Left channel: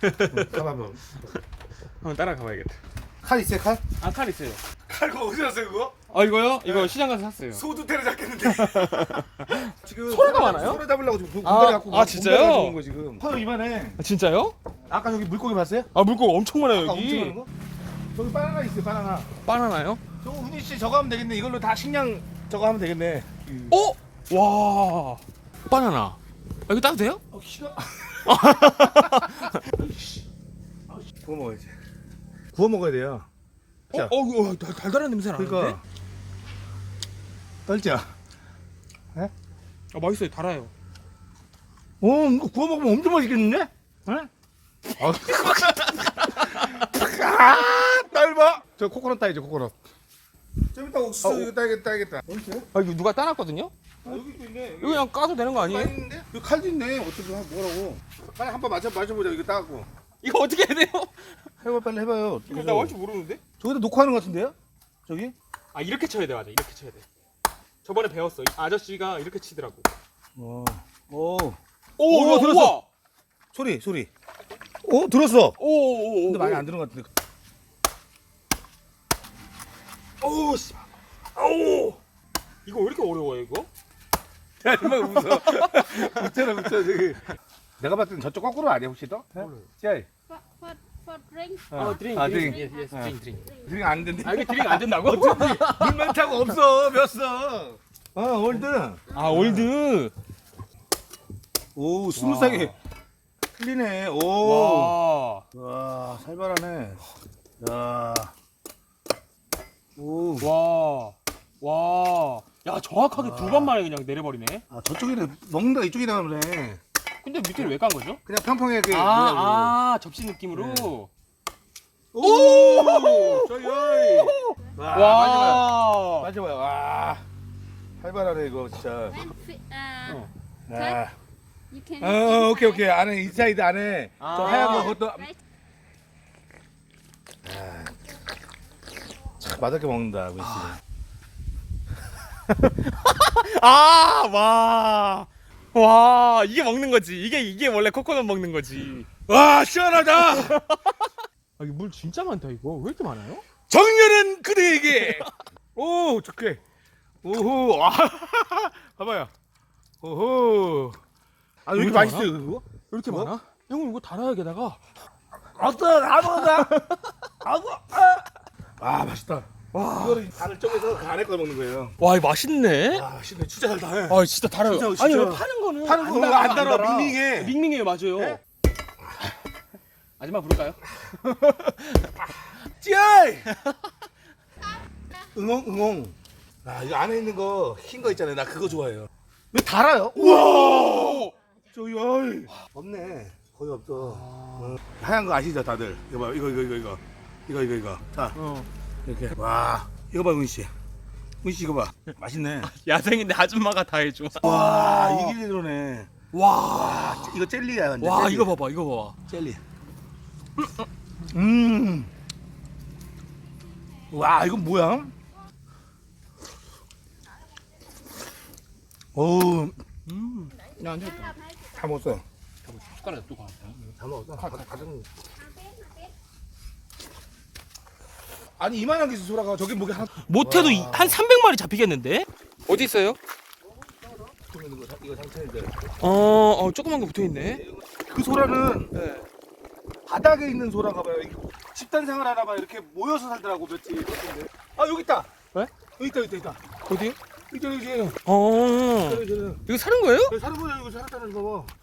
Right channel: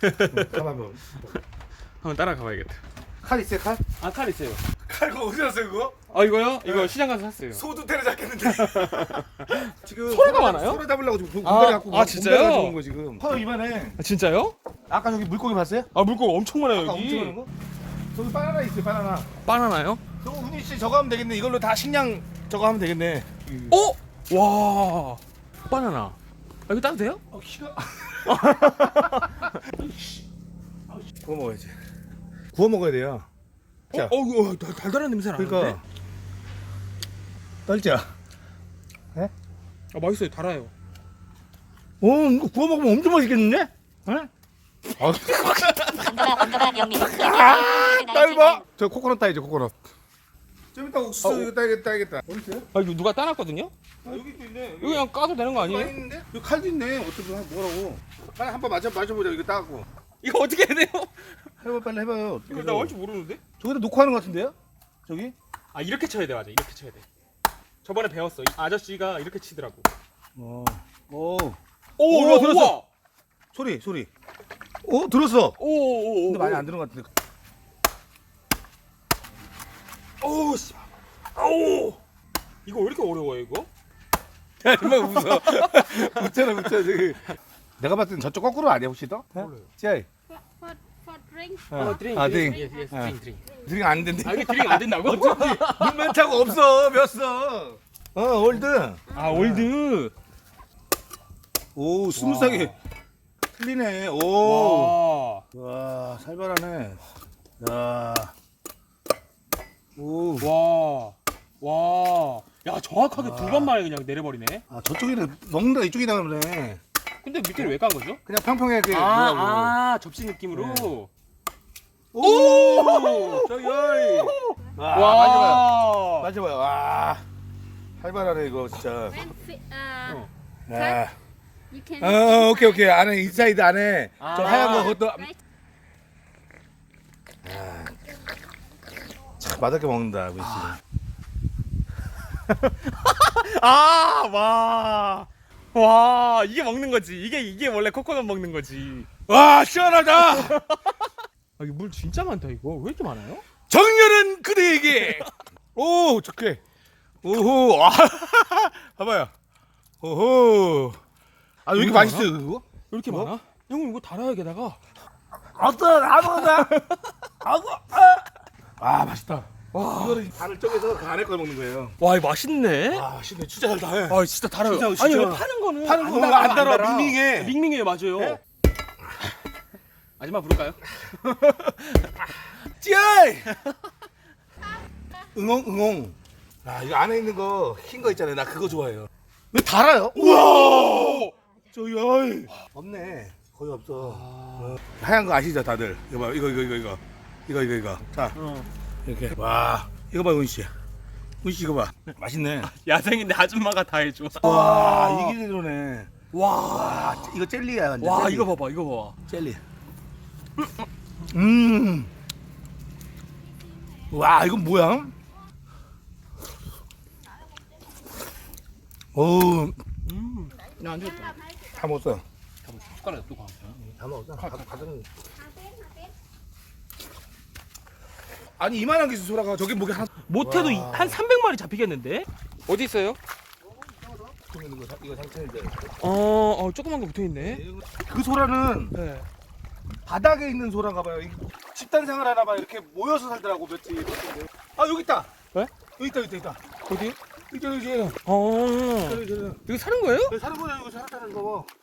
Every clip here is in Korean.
가봐봐. 한번 따라가 봐야겠다. 칼 있어요 칼? 아, 칼 있어요. 칼 그거 어디 샀어요 그거? 아, 이거요? 이거 시장 가서 샀어요. 소도 때려 잡겠는데. 지금 소리가 많아요? 소리 잡으려고 지금 아, 공다리 갖고 아, 진짜요? 가져온 거 지금. 커 이만해. 아, 진짜요? 아까 여기 물고기 봤어요? 아, 물고기 엄청 많아요, 아까 엄청 많은 거? 저기 바나나 있어요 바나나. 바나나요? 저거 훈이 씨 저거 하면 되겠네. 이걸로 다 식량 저거 하면 되겠네. 어? 와. 바나나. 아, 이거 따도 돼요? 어 키가. 구워 먹어야지. 구워 먹어야 돼요. 어, 자. 어, 어, 달- 달달한 냄새 나는데? 그러니까. 떨자. 아, 맛있어요. 달아요. 어, 이거 구워 먹으면 엄청 맛있겠는데? 어? 아, 딸바 저 코코넛 따야죠, 코코넛. 좀 이따 옥수수 아, 오- 이거 따야겠다, 따야겠다. 어디 있어요? 아, 이거 누가 따놨거든요? 아, 여기 또 있네. 이거 그냥 까도 되는 거 아니에요? 있는데? 여기 칼도 있네. 어떻게 하- 뭐라고? 빨리 한번 맞아 맞아보자. 이거 따고. 이거 어떻게 해야 돼요? 해봐 빨리 해봐요. 이거 나 할줄 모르는데? 저기다 놓고 하는 것 같은데요? 저기? 아, 이렇게 쳐야 돼, 맞아. 이렇게 쳐야 돼. 저번에 배웠어. 이 아저씨가 이렇게 치더라고. 어. 오. 오, 오, 들었어. 우와. 소리 소리. 어 들었어. 오, 오, 오. 근데 많이 안 들은 것 같은데. 오, 씨. 아우. 이거 왜 이렇게 어려워요, 이거? 야, 정말 웃어. 웃잖아, 웃잖아, 저기. 내가 봤을 땐 저쪽 거꾸로 아니야, 혹시 더? 몰라요. 찌아이. For, for, for drink. 아, 드링. 아, 드링. 예, 예, 드링, 드링. 드링 안 된대. 아, 이게 드링 안 된다고? 물 멘트가 없어, 몇 어, 월드. 아, 올드. 오, 스무스하게. 틀리네. 오. 와. 와, 살벌하네. 야. 오. 와. 와. 야, 정확하게 두 번 만에 그냥 내려버리네. 아, 저쪽이네. 먹는다, 이쪽이다 그러네. 근데 밑에를 왜깐 거죠? 그냥 평평하게. 아, 뭐라고. 아, 접시 느낌으로. 오! 저기, 어이. 와. 와. 맞아봐요. 와. 살벌하네, 이거 진짜. When fi- uh, 어. 아. you can. 어, 오케이, 오케이. 안에, 인사이드 안에. 저 아. 하얀 거, 그것도. Right. 맛있게 먹는다, 우리 씨. 아, 와. 와, 이게 먹는 거지. 이게 이게 원래 코코넛 먹는 거지. 와, 시원하다! 아, 이거 물 진짜 많다 이거. 왜 이렇게 많아요? 정렬은 그대에게! 오, 좋게. 오호, 아, 봐봐요. 오호. 아, 왜 이렇게 맛있어요, 그거? 왜 이렇게 뭐? 많아? 형 이거 달아야 게다가. 어떤 아무거나 아고 아, 아 맛있다. 와 이거를 간을 쪼개서 그 안에 거 먹는 거예요. 와, 이거 맛있네. 아 신나 진짜 잘 다. 아, 진짜 달아요. 진짜, 진짜. 아니, 왜 파는 거는 파는 안거 달아, 안 달아, 밍밍해. 밍밍해요, 맞아요. 마지막 부를까요? 찌아이. 응엉 응엉. 아 이거 안에 있는 거 흰 거 있잖아요. 나 그거 좋아해요. 왜 달아요? 우와. 저기 어이. 없네. 거의 없어. 어. 하얀 거 아시죠 다들? 이거 봐 이거 이거 이거 이거 이거 이거 이거. 자 어. 이렇게 와 이거 봐 은씨. 은씨 이거 봐. 맛있네. 야생인데 아줌마가 다 해줘. 와 이게 이러네. 와. 아, 이거 젤리야 완전. 와, 젤리. 이거 봐봐, 이거 봐봐. 젤리. 음. 와 이건 뭐야? 오, 음. 야, 안 되겠다. 다 먹었어. 숟가락 또 가자. 다 먹었어. 가, 가, 가져는. 아니 이만한 게 있어 소라가 저기 뭐게 하나. 못해도 와. 한 300마리 잡히겠는데? 어디 있어요? 이거 상태인데. 어, 어 조그만 거 붙어 있네. 그 소라는 네. 바닥에 있는 소라가 봐요. 이 집단 생활 하나 봐 이렇게 모여서 살더라고 며칠. 아 여기 있다. 왜? 여기 있다 여기 있다. 있다. 어디? 여기 저기 저기 어. 이거 사는 거예요? 여기 사는 거야 이거 살았다는 거 봐.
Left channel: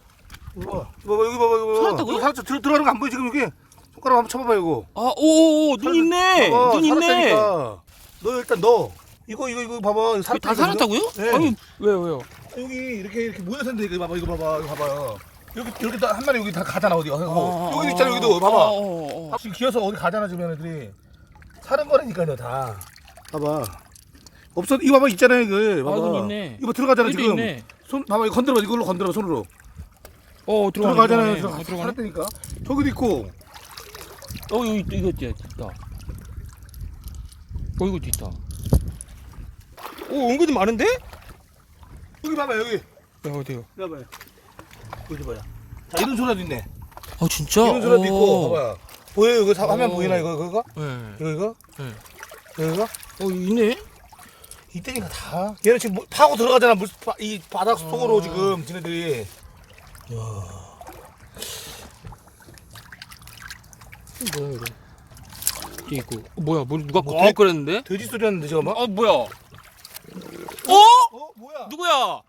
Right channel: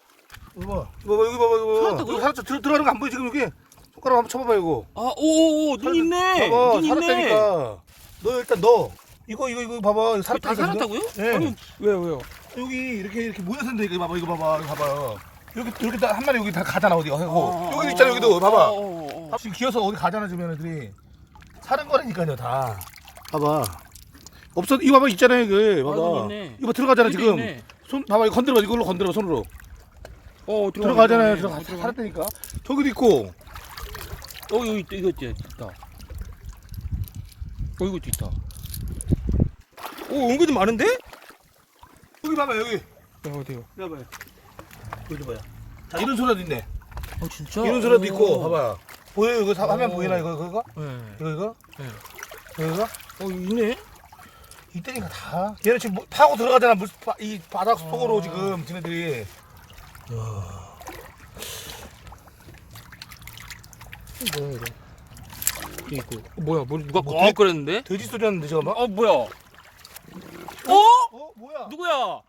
이거 봐. 이거 봐 여기 봐봐 이거. 살았다고요? 이거 살았죠. 들, 들어가는 거 안 보여 지금 여기. 손가락 한번 쳐봐봐 이거. 아, 오, 오, 눈 있네. 봐봐 눈 있네. 살았다니까. 너 일단 너. 이거 이거 이거 봐봐. 이거 다 살았다고요? 네. 아니, 왜요, 왜요? 여기 이렇게 이렇게 모여서 있는데 이거 봐봐 이거 봐봐 이거 봐봐요. 여기 이렇게 다- 한 마리 여기 다 가잖아 어디 하고 여기 있잖아 여기도 봐봐. 어, 어, 어. 지금 기어서 어디 가잖아 지금 얘네들이. 사는 거라니까요 다. 봐봐. 없어 이거 봐봐 있잖아요 이거 아, 봐봐. 있네. 이거 들어가잖아 여기도 지금. 있네. 손 봐봐 이거 건드려봐 이걸로 건드려봐 손으로. 어, 들어가네, 들어가잖아요. 들어가. 아, 들어가네. 살았다니까. 저기도 있고. 어, 여기 있다, 이거 있다, 있다. 어, 이것도 있다. 오, 은근히 많은데? 야, 여기 봐봐 여기. 어디요? 여기 봐요. 여기 봐요. 자 이런 소라도 있네. 아 진짜? 이런 오. 있고 봐봐. 보여 이거 사- 화면 오. 보이나 이거 이거 이거 네. 이거 이거 네. 이거 이거 어 있네. 이때니까 다. 얘는 지금 뭐 파고 들어가잖아 물, 바, 이 바닥 속으로 지금 지네들이. 뭐야 이거? 이게 있고. 어, 뭐야? 뭐 누가 뭐꽉 끓였는데? 돼지 소리 하는데 뭐? 어 뭐야? 어? 어 뭐야? 누구야?